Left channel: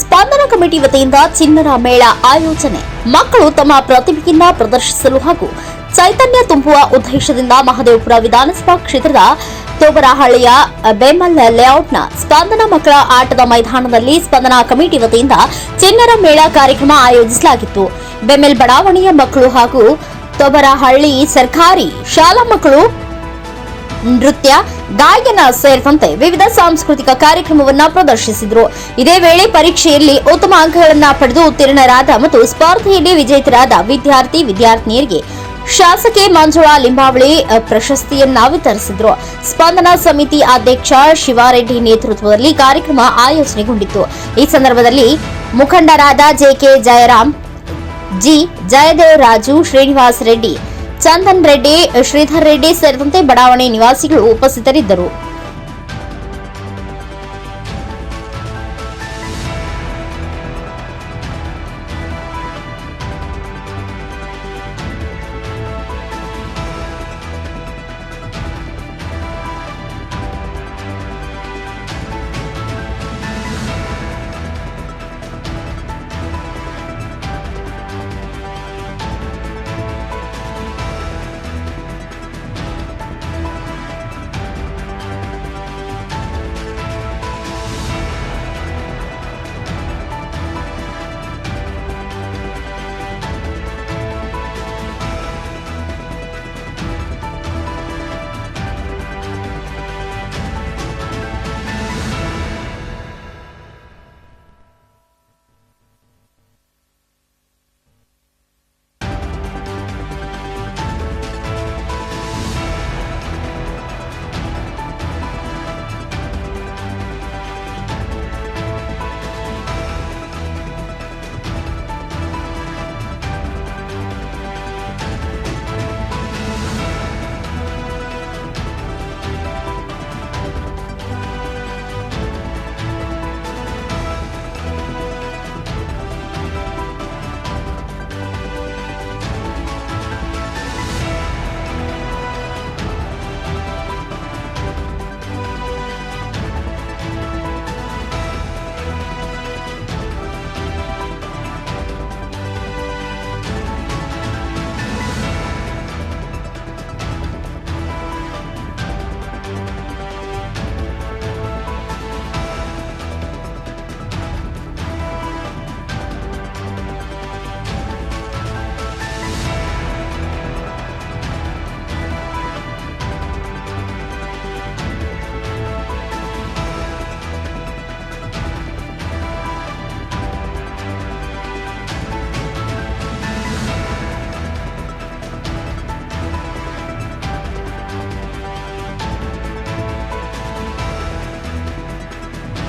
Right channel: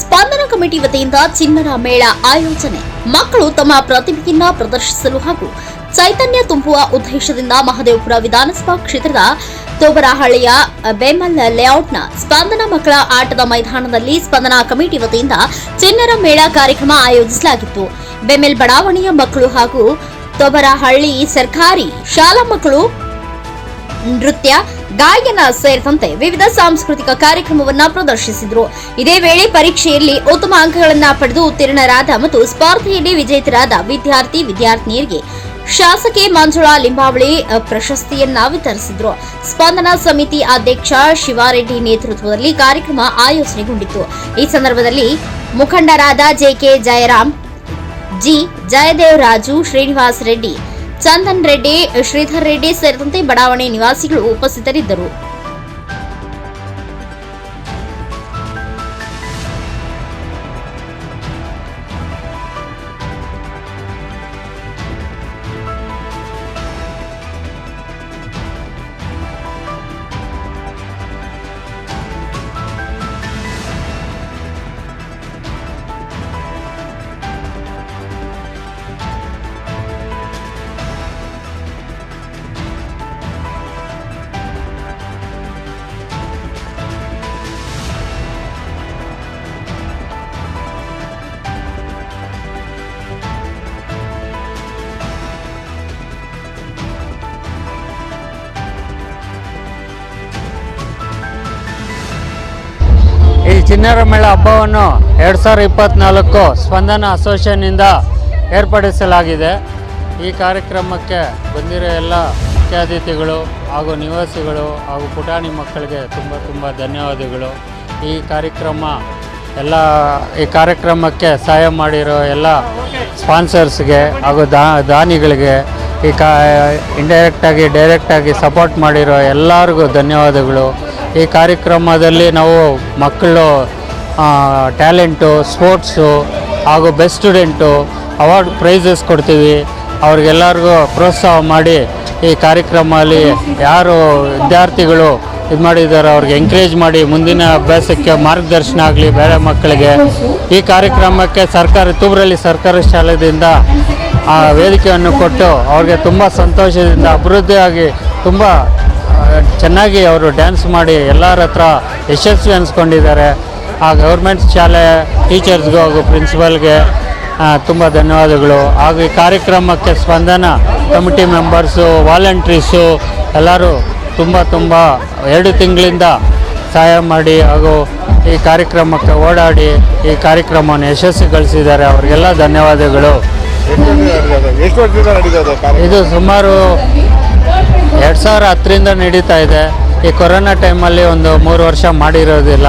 ಸ್ಪಂದನ committee ವತಿಯಿಂದ ಚಿನ್ನರ ಮೇಳ ಆಯೋಜನೆ. ಮಕ್ಕಳು ತಮ್ಮ ಪ್ರತಿಭೆಯನ್ನ ಪ್ರದರ್ಶಿಸಲು ಹಾಗೂ ಚೈತನ್ಯ ತುಂಬುವ ಉದ್ದೇಶದಿಂದ ಮಹದೇವಪುರ ವಿಧಾನಸಭಾ ಕ್ಷೇತ್ರದ ತೋಬರಹಳ್ಳಿಯ ಬೆಮಲ್ ಲೇಔಟ್ನ ಸ್ಪಂದನ ಮಕ್ಕಳ ಆಟದ ಮೈದಾನದಲ್ಲಿ ಸ್ಪಂದನಾ ಕಮಿಟಿ ವತಿಯಿಂದ ಚಿನ್ನರ ಮೇಳ ಕಾರ್ಯಕ್ರಮ ಆಯೋಜಿಸಲಾಗಿತ್ತು. ಬೆಮೆಲ್ ಬಡಾವಣೆಯ ಮಕ್ಕಳು ಹಾಗೂ ತೋಬರಹಳ್ಳಿ ಸರ್ಕಾರಿ ಶಾಲಾ ಮಕ್ಕಳು ನೃತ್ಯ, ಗಾಯನ ಸೇರಿದಂತೆ ವಿವಿಧ ಸಾಂಸ್ಕೃತಿಕ ಕಾರ್ಯಕ್ರಮವನ್ನು ಪ್ರದರ್ಶಿಸಿದರು. ಇದೇ ವೇಳೆ ಪರೀಕ್ಷೆಯಲ್ಲಿ ಉತ್ತಮ ಅಂಕಗಳನ್ನ ಪಡೆದು ಉತ್ತೀರ್ಣರಾದ ಮತ್ತು ಸ್ಪರ್ಧೆಯಲ್ಲಿ ವಿಜೇತರಾದ ವಿದ್ಯಾರ್ಥಿ, ವಿದ್ಯಾರ್ಥಿನಿಯರಿಗೆ ಶಾಸಕಿ ಮಂಜುಳಾ ಲಿಂಬಾವಳಿ ಪ್ರಶಸ್ತಿಯನ್ನ ವಿತರಿಸಿದ್ರು. ಸ್ಪಂದನಾ ಸಮಿತಿ ಅಧ್ಯಕ್ಷ ಶಿವಾರೆಡ್ಡಿ ನೇತೃತ್ವದಲ್ಲಿ ಕಾರ್ಯಕ್ರಮ ಆಯೋಜನೆಗೊಂಡಿತ್ತು. ಈ ಸಂದರ್ಭದಲ್ಲಿ ಮುಖಂಡರಾದ ಜೆಕೆ ಜಯರಾಮ್, ಜಿ. ಜಯದೇವ್ ರಾಜು, ಶ್ರೀನಿವಾಸ್ ರೆಡ್ಡಿ ಚಂದನ್ ರೆಡ್ಡಿ ಶ್ರೀಧರ್ ರೆಡ್ಡಿ ಸೇರಿದಂತೆ ಬಡಾವಣೆ ನಿವಾಸಿಗಳು ಉಪಸ್ಥಿತರಿದ್ದರು. ಚಿನ್ನರ ಮೇಳ ಹಬ್ಬವನ್ನು ಎರಡು ಸಾವಿರದ ಇಪ್ಪತ್ತ್ನಾಲ್ಕು ಸ್ಪಂದನ ಅಸೋಸಿಯೇಷನ್ನಿಂದ ಏರ್ಪಡಿಸಲಾಗಿದೆ. ಈ ಕಾರ್ಯಕ್ರಮಕ್ಕೆ ಬಂದಿರೋ ಎಲ್ಲ ಮುಖ್ಯ ಅತಿಥಿಗಳು ಹಾಗೂ ನಿವಾಸಿಗಳು ಹಾಗೂ ಪುಟಾಣಿ ಮಕ್ಕಳಿಗೆ ತುಂಬ ತುಂಬ ಧನ್ಯವಾದಗಳು. ಈ ಕಾರ್ಯಕ್ರಮ ಎಲ್ಲ, ಈ ಕಾರ್ಯಕ್ರಮಕ್ಕೆ ಸಹಾಯ ಮಾಡಿರೋ ಎಲ್ಲ ಸ್ಪಾನ್ಸರ್ಸ್ಗೆ ಹಾಗೂ ದಾನಿಗಳಿಗೆ ಈ ಕಾ, ಇಂಡೈರೆಕ್ಟಾಗಿ, ಡೈರೆಕ್ಟಾಗಿ ಸಪೋರ್ಟ್ ಮಾಡಿರೋ ಎಲ್ಲರಿಗೂ ಧನ್ಯವಾದಗಳು. ಈ ಕಾರ್ಯಕ್ರಮದಲ್ಲಿ ನಾವು ಮಕ್ಕಳು ಟ್ಯಾಲೆಂಟು, ಸ್ಪೋರ್ಟ್ಸು ಹಾಗೂ ಬೆಸ್ಟ್ ಸ್ಟೂಡೆಂಟು ಅವಾರ್ಡ್ ಪ್ರೈಸಸ್ ಕೊಡ್ತೀವಿ. ಅವ್ರಿಗೆಲ್ಲರಿಗೂ ಪ್ರೋತ್ಸಾಹ ಮಾಡಿ ಈ ಕಾರ್ಯಕ್ರಮದಲ್ಲಿ ಯಾರು ವಿದ್ಯಾರ್ಥಿಗಳು ಇದು ಮಾಡಿದ್ದಾರೆ ಅವ್ರಿಗೆ ಎಂಕರೇಜ್ ಮಾಡಿ ಮುಂದಿನ ಅಭ್ಯಾಸಕ್ಕೆ ಮಾರ್ಗದರ್ಶನ ಆಗಲಿ ಬೇರೆ ಮಕ್ಕಳಿಗೆ. ಈ ಕಾರ್ಯಕ್ರಮಕ್ಕೆ ಸರ್ಕಾರ ತೂಬರಲ್ಲಿ ಸರ್ಕಾರಿ ಶಾಲೆಯಿಂದ, ಆ, ವೇದಿಕೆಯನ್ನು ಕೊಟ್ಟು ಅವ್ರಿಗೆ ತುಂಬ ಸಂತೋಷದಿಂದ, ಅಭಿವೃದ್ಧಿಯಾಗಿ ತುಂಬ ಚೆನ್ನಾಗಿ ಅವರು ಡ್ಯಾನ್ಸ್ ಮಾಡಿ ಎಲ್ಲರ ಹತ್ರ ಯಶಸ್ವಿ ಅನ್ಸ್ಕೊಂಡಿದ್ದಾರೆ. ಆ ಗೌರ್ಮೆಂಟ್ ಶಾಲೆ ಟೀಚರ್ಸ್ಗೂ ಹಾಗೂ ಪ್ರಿನ್ಸಿಪಲ್ಗೆ ತುಂಬ ಧನ್ಯವಾದಗಳು. ಹಾಗೂ ಈ ಕಾರ್ಯಕ್ರಮಕ್ಕೆ ಸ್ಪಂದನ ಕಮಿಟಿ ಮೆಂಬರ್ಸು ವಾಲಂಟ್ರೀಸು ಎಲ್ಲರೂ ತುಂಬ ತುಂಬ ಎರಡು ತಿಂಗಳಿಂದ ಸಹಾಯ ಮಾಡಿ ಹಾಗೂ ಈ ಕಾರ್ಯಕ್ರಮಕ್ಕೆ ಓಡಾಡಿ ಈ ಕಾರ್ಯಕ್ರಮವನ್ನು ಯಶಸ್ವಿಗೊಳಿಸಿದ್ದಾರೆ. ಅವರಿಗೆಲ್ಲ ಧನ್ಯವಾದಗಳು. ಇದು ಸುಮಾರು ಎರಡು ಸಾವಿರ ಹತ್ತರಿಂದ ನಡೀತಾ ಇದೆ. ಈ ಕೊರೋನಾ ಟೈಮಲ್ಲಿ ಒಂದು ಮೂರು ವರ್ಷ ಮಾಡಿರೋದಿಲ್ಲ.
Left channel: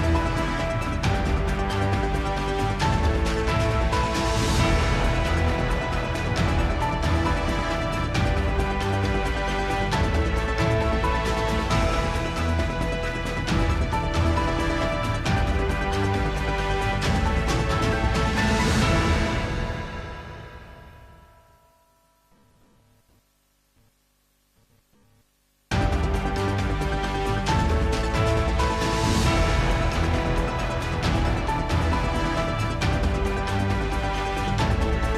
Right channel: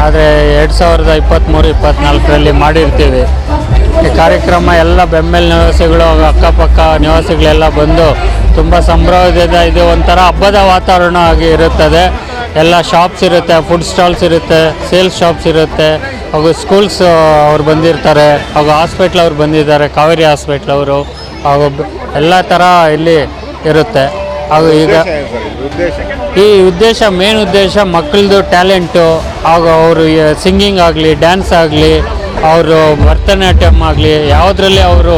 ಆದರೆ ಎರಡು ಸಾವಿರದ ಇಪ್ಪತ್ತ್ಮೂರು ಇಪ್ಪತ್ತ್ನಾಲ್ಕರಲ್ಲಿ ಮಾಡಿರ್ತೀವಿ. ಈ ಕಾರ್ಯಕ್ರಮ ಎಲ್ಲ ಬೆಂಬಲ ನಿವಾಸಿಗಳು, ಅಕ್ಕಪಕ್ಕ ನಿವಾಸಿಗಳೆಲ್ಲ ಬಂದು ತುಂಬ ಸಂಭ್ರಮದಿಂದ ಇದು ಒಂಥರ ಹಬ್ಬದ ವಾತಾವರಣ ಆಗಿ ಇರುತ್ತದೆ. ಎಲ್ಲ ಶಾಪ್ಸ್ ಇರುತ್ತೆ ಫುಡ್ ಸ್ಟಾಲ್ಸ್ ಇರುತ್ತೆ ಸೇಲ್ಸ್ ಶಾಪ್ಸ್ ಇರುತ್ತೆ. ಹಾಗೂ ಸ್ಕೂಲ್ಸ್ ಅವ್ರು ಬಂದಿರ್ತಾರೆ. ಹಾಗೂ ಹಾಸ್ಪಿಟ್ಲ್ ಅವ್ರು ಬಂದಿದ್ದಾರೆ, ಕಾವೇರಿ ಹಾಸ್ಪಿಟ್ಲ್ ಅವರು. ಹಾಗೂ ಎಲ್ಲ ಥರ ಇಲ್ಲಿ ಇರುತ್ತೆ. ಹಾಗೂ ಈಗ ಈ ಉದ್ದೇಶ ಮೇನ್ ಉದ್ದೇಶ ಮಕ್ಕಳದು ಟ್ಯಾಲೆಂಟು ಹಾಗೂ ಅವರು ಸಿಂಗಿಂಗ್ ಆಗಲಿ ಡ್ಯಾನ್ಸ್ ಆಗಲಿ ಅವರು ಭರತನಾಟ್ಯಂ ಆಗಲಿ ಯಾವುದರಲ್ಲಿ ಅವರು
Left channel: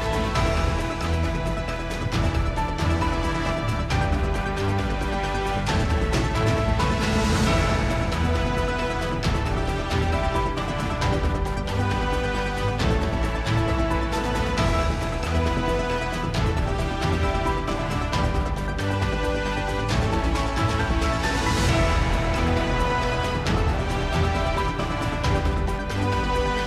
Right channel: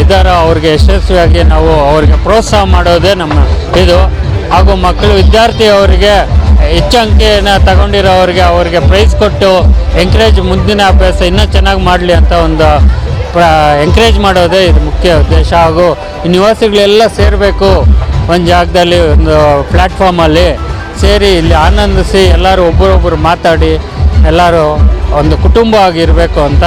ಇದಾರ ಅವ್ರಿಗೆ ಯಶಸ್ವಿಯಾಗಿ ನಾವು ಅವ್ರಿಗೆ ಪ್ರೋತ್ಸಾಹ ಮಾಡೋದೇ ನಮ್ಮ ಇದು. ಹಾಗೂ ಮಕ್ಕಳು ವಿದ್ಯಾರ್ಥಿ ಅವರಿಗೆ ಹೆಚ್ಚು ಅಂಕೆಯನ್ನು ತಗೊಂಡಿರೋರಿಗೆ ಅವ್ರಿಗೆ ಪ್ರೈಸ್ ಕೊಟ್ಟು ಎಂಕರೇಜ್ ಮುಂದಿನ ಅಭ್ಯಾಸ ಇನ್ನೂ ಚೆನ್ನಾಗಿ ಮಾಡಲಿ ಅಂತ ಒಂದು ಎಂಕರೇಜ್ ಮಾಡೋದೇ ಇದು ಮುಖ್ಯ ಉದ್ದೇಶ. ಹಾಗೂ ಈ ನಿವಾಸಿಗಳೆಲ್ಲ ಸೇರಬೇಕು. ಒಂದು ಜಾಗದಲ್ಲಿ ಒಂದು ಪ್ಲ್ಯಾಟ್ಫಾರ್ಮಲ್ಲಿ ಸೇರಿ ಇಲ್ಲಿ ಆನಂದಿಸಿ ಎಲ್ಲರೂ ಒಬ್ಬರೊಬ್ಬರು ಮಾತಾಡಿ ಎಲ್ಲರೂ ಒಂದು ಕುಟುಂಬ ಆಗಿರಬೇಕು ಅಂತ